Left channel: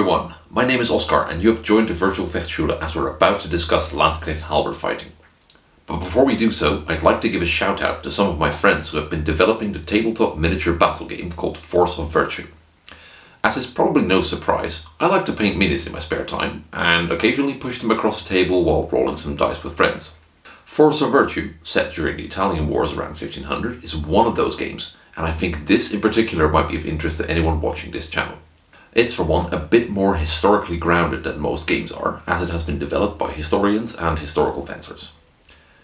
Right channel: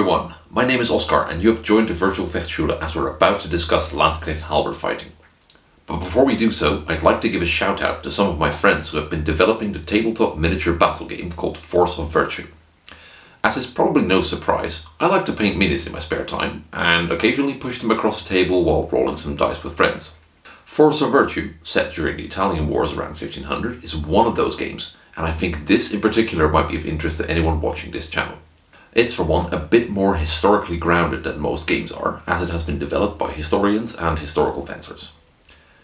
everyone, my name is Oscar and you have joined the virtual Vechtschule as we're about to discuss Landsknecht halberd fighting. But before we do so, I'd like to give a shout out to some of my friends who have been developing the tabletop miniature battle game called Force of Virtue. As is probably no surprise, I like to paint minis in my spare time and occasionally push them across the table while rolling some dice with friends. Force of Virtue, set during the Italian wars around 1500, is one of those games, and I think this in particular might be of interest to anyone watching this channel. It's for one a bit more historically grounded than most games are, as it has been developed by historians and historical fencers.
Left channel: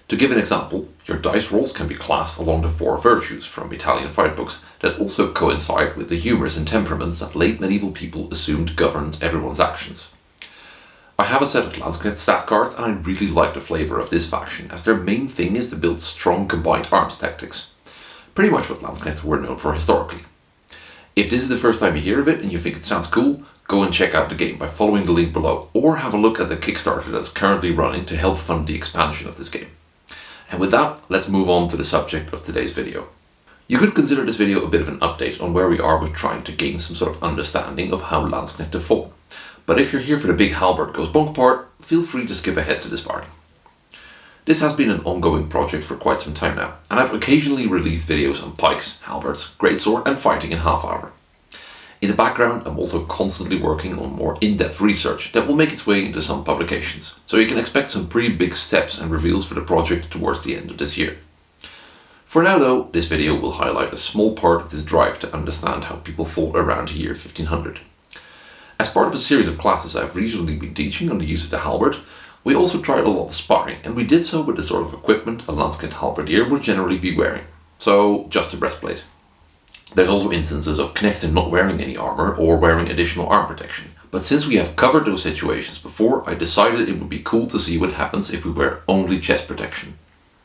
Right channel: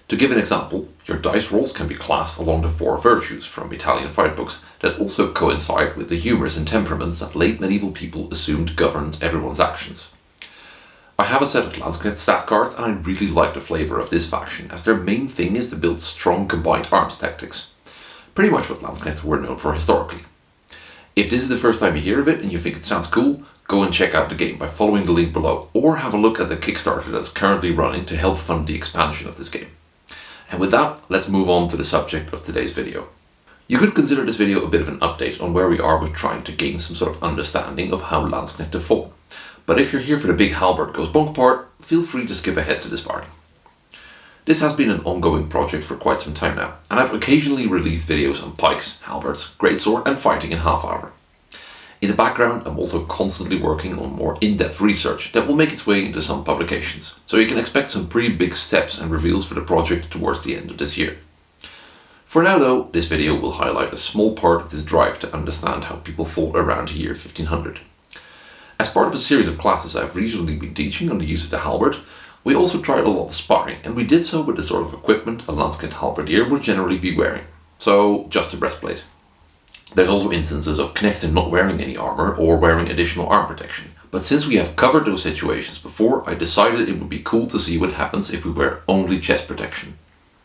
To give an example, your dice rolls can be classed along the four virtues from Italian fight books that also coincide with the humours and temperaments that late medieval people assumed governed everyone's actions. I have a set of Landsknecht stat cards and I really like the flavour of this faction, as their main thing is to build strong combined arms tactics. Pretty much what Landsknecht were known for historically. If this is the first time you hear of it and you think it sounds cool, go and check out the game by following the link below, or have a look at the Kickstarter that's currently running to help fund the expansion of this game. And with that, let's move on to the subject of today's video. You could consider this video a bit of an update on where we are with trying to gain some sort of understanding of how Landsknecht have fought. But if you're here for the big halberd goes bonk part, feel free to skip ahead to the sparring. This has been an ongoing project for quite some time now, and I've occasionally released videos on pikes, halberds, greatsword and fighting in half hour. In the background, I'm also constantly working on more in-depth research that will make its way into some publications, so you can expect some pretty big steps and reveals for the project towards the end of this year. For now though, this video will highlight a small part of this drive to understand how people fought around the year 1500. As part of a series of classes I've recently been teaching on the use of the halberd, we also tried a lot of sparring, and we did so with the sort of equipment a Landsknecht halberdier would generally be wearing. So, just a breastplate. There's also instances of Knechten not wearing any armour or wearing additional arm protection. But since we have covered those situations before, I decided it would be cool to see what happens if we wear only chest protection.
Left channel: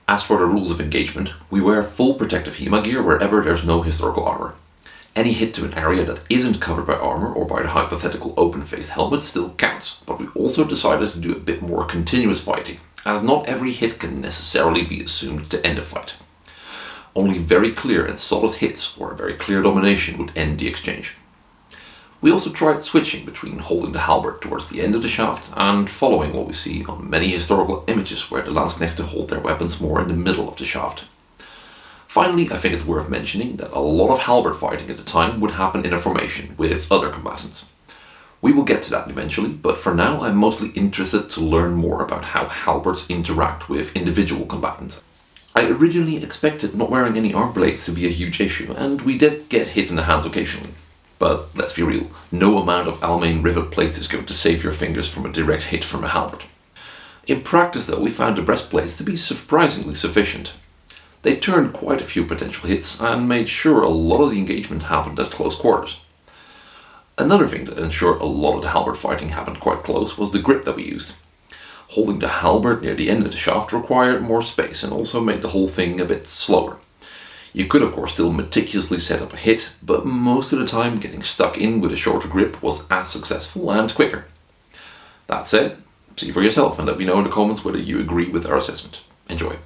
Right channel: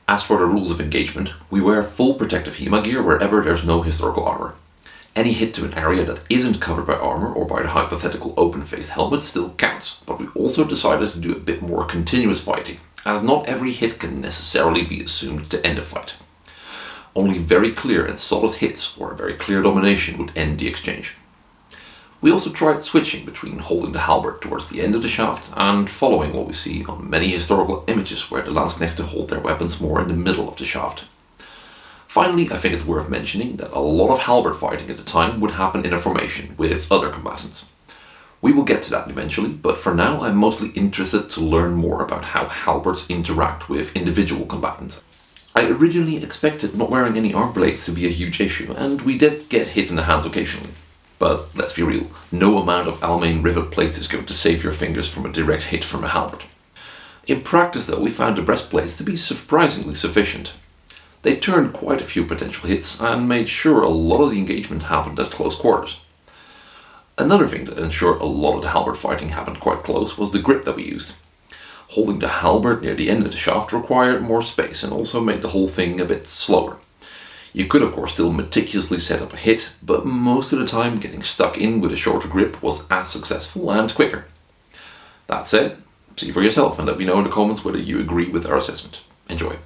As for the rules of engagement, we wear full protective HEMA gear wherever there's no historical armour. Any hit to an area that isn't covered by armour or by the hypothetical open-faced helmet still counts, but we also decided to do a bit more continuous fighting, as not every hit can necessarily be assumed to end a fight. Only very clear and solid hits or a very clear domination would end the exchange. We also tried switching between holding the halberd towards the end of the shaft and following what we see on many historical images where the Landsknechten hold their weapons more in the middle of the shaft. Finally, I think it's worth mentioning that a lot of halberd fighting at the time would happen in a formation with other combatants. We will get to that eventually, but for now I'm mostly interested to learn more about how halberds interact with individual combatants. I originally expected not wearing any arm blades to be a huge issue, and we did get hit in the hands occasionally. But let's be real, no amount of Almain rivet plates is going to save your fingers from a direct hit from a halberd. In practice though, we found the breastplates to be surprisingly sufficient. They turned quite a few potential hits and made sure a lot of the engagement happened at close quarters. Another thing that ensured a lot of the halberd fighting happened quite close was the grip that we used. Holding the halberd near the end of the shaft required more space and also made the whole thing a bit slower. You could of course still meticulously set up a hit, but most of the time getting stuck in with a shorter grip was as successful and quicker. That said, see for yourself and let me know in the comments whether you agree with our assessment. Enjoy!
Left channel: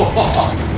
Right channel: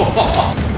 Whoa!